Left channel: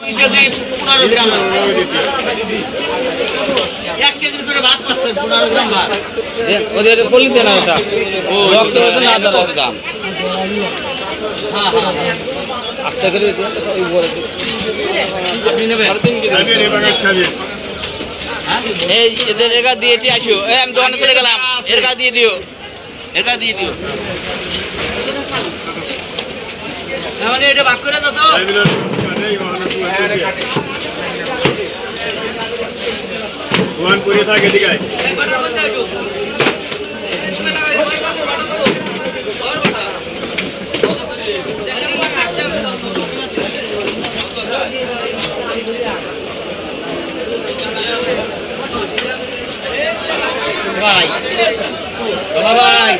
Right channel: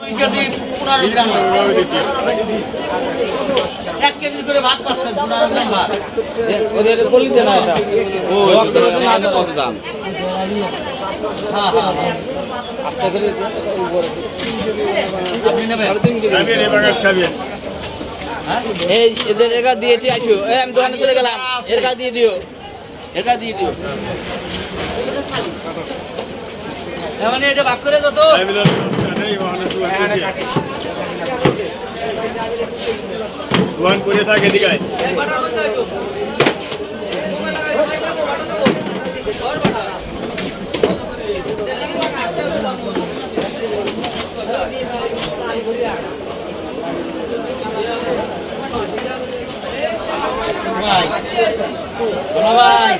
KG 15 গ্রাম আছে। 1 KG করে ভাত পাচ্ছেন 15 গ্রাম ভাত। ওদের বলি দেন ওটা। ও না দাম। হ্যাঁ হ্যাঁ হ্যাঁ। আচ্ছা করে আপনি নেবেন? এই এদের একা দিয়েছি আসো। এই আমি দোকানে চলে গেলাম। এর কাছে দিয়ে দিও। এর কাছে দিয়ে দিও। মানে এটা ভাগ করে দাও তো। ওয়ান করে থাকে দিগাই ভাই ভাই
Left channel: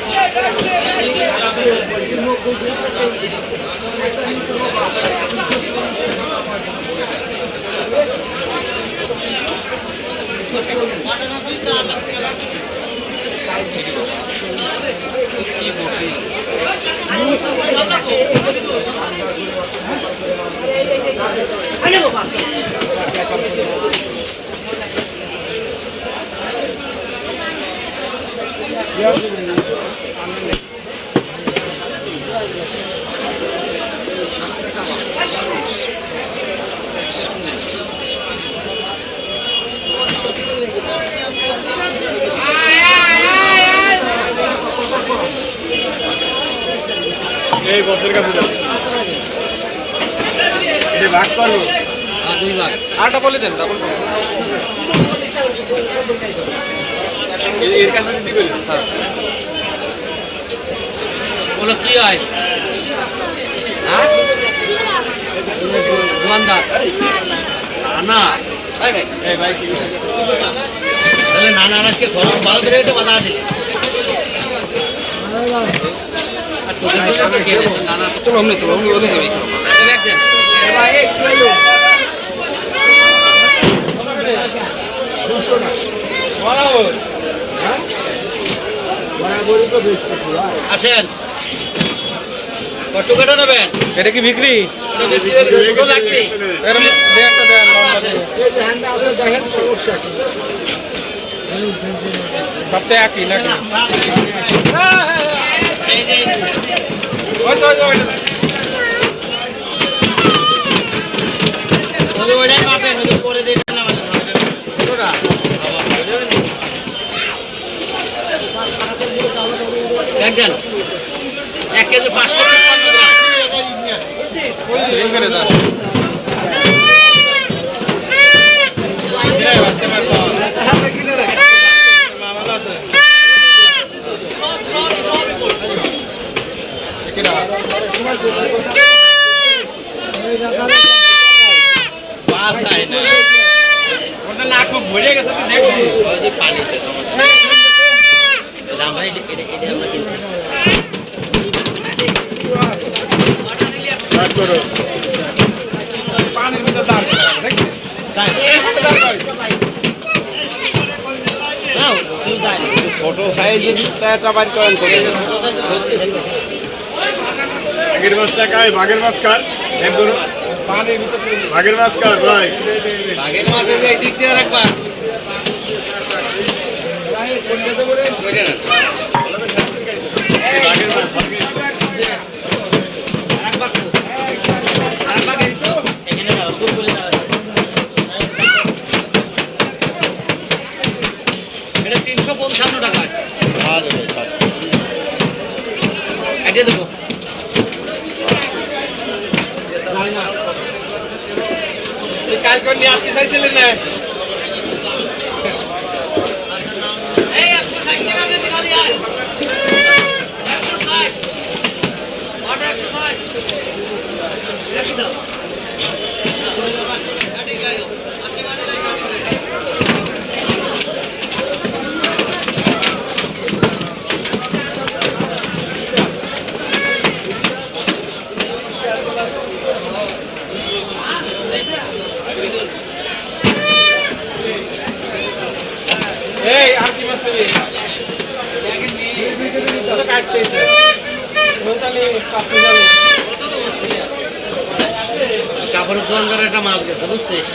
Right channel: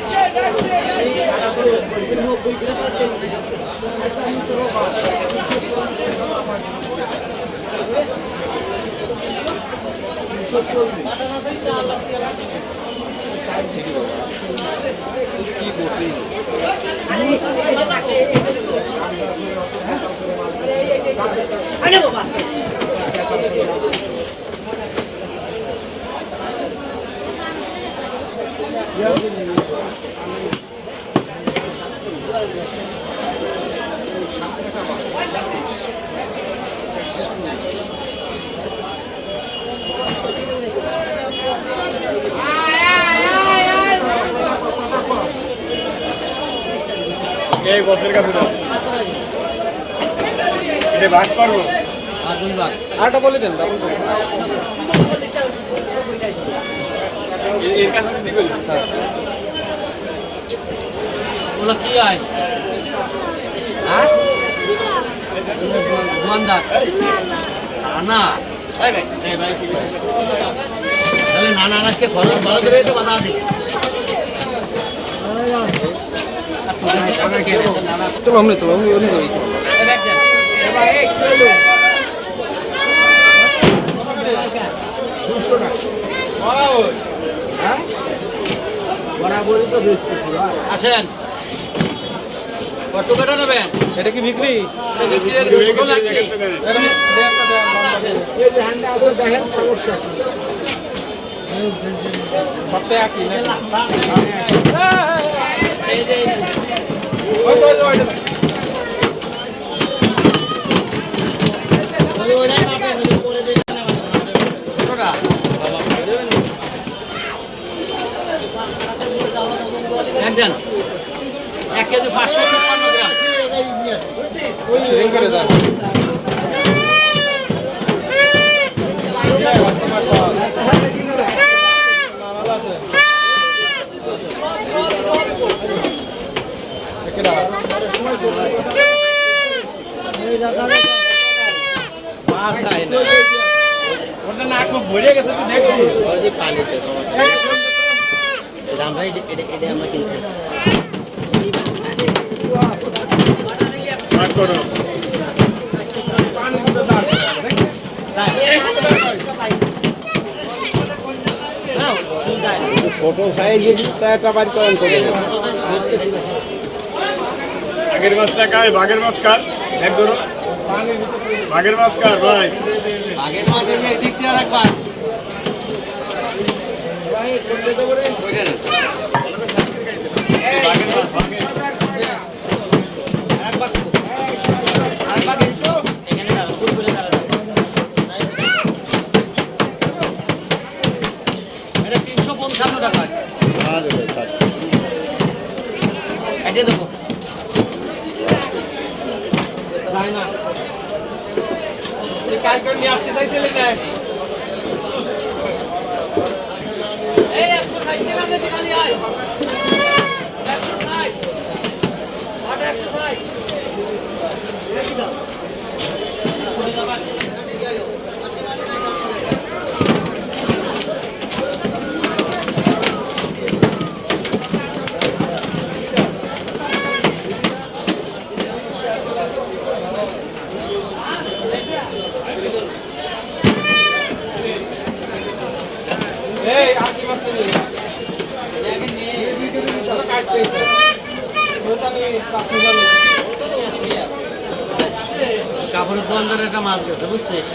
এই বছর কাছে দাও এটা ভাগ করবো দুই ভাগ আরেকটা বলে দেন ডাবল করে। এর কাছে দিতে বলি হ্যাঁ। ওগুলো কি হয়? হ্যাঁ দোকানদার না এই ভাই কি তাহলে নানা আজকে খরচ ভালো করে এটা বাজার দিলে আর তোদের জন্য তো কে বলছে নানা চলো অমনি চলো অমনি অমনি যাই। এ ব্যাগ দেন ভাই এক কিলো বরাবরই তো বেচতেছি ভাই আসেন কত কেটে নেবেন? এটা কি বিক্রি? এটা বিক্রি হয়ে গেছে, ছোট লাগবে। এই যে হ্যান্ডটা আছে দেখেন সমস্যা কি সবটা একই নাকি? এই যে ওইটাই পাবেন পরে দেখবেন না ছোটটা একজন 1 কেজি 555 গ্রাম এই করে দাও। মামালা আছে। কিরা? ওটা না খুব ভরে গেছে তুই দেখবি। ওই যে পানিতে দাম ভাই এটা আমরা কিনছি ভাগ করো পানির মধ্যে দাঁড় দেখি। ছোট সাইজের টাকার কয়েন করে আগের মাছ টাকায় ভাগের মাছ কার এক ধরো ভাগের মাছ কার ভাই আগের মাসে যে এই দিক দিয়ে রাখবা ওইটা না ভাগের মাছ রাখবা তো রাখবা কে তো এখানে না দূর করে দাও এটা 355 টাকা আছে এটা দেবো কাল করে নিয়ে আসতে চাইছিলেন না? এই 160 টাকা দিয়ে দিলালি আর 160 অর্ডার 160 দেখি দাও কাটি গায়ো আপনি মানে এই আর কি মাছ নেবে? কাটতেছে। মোটালি 5,000 মাছ গেছে বুঝছিস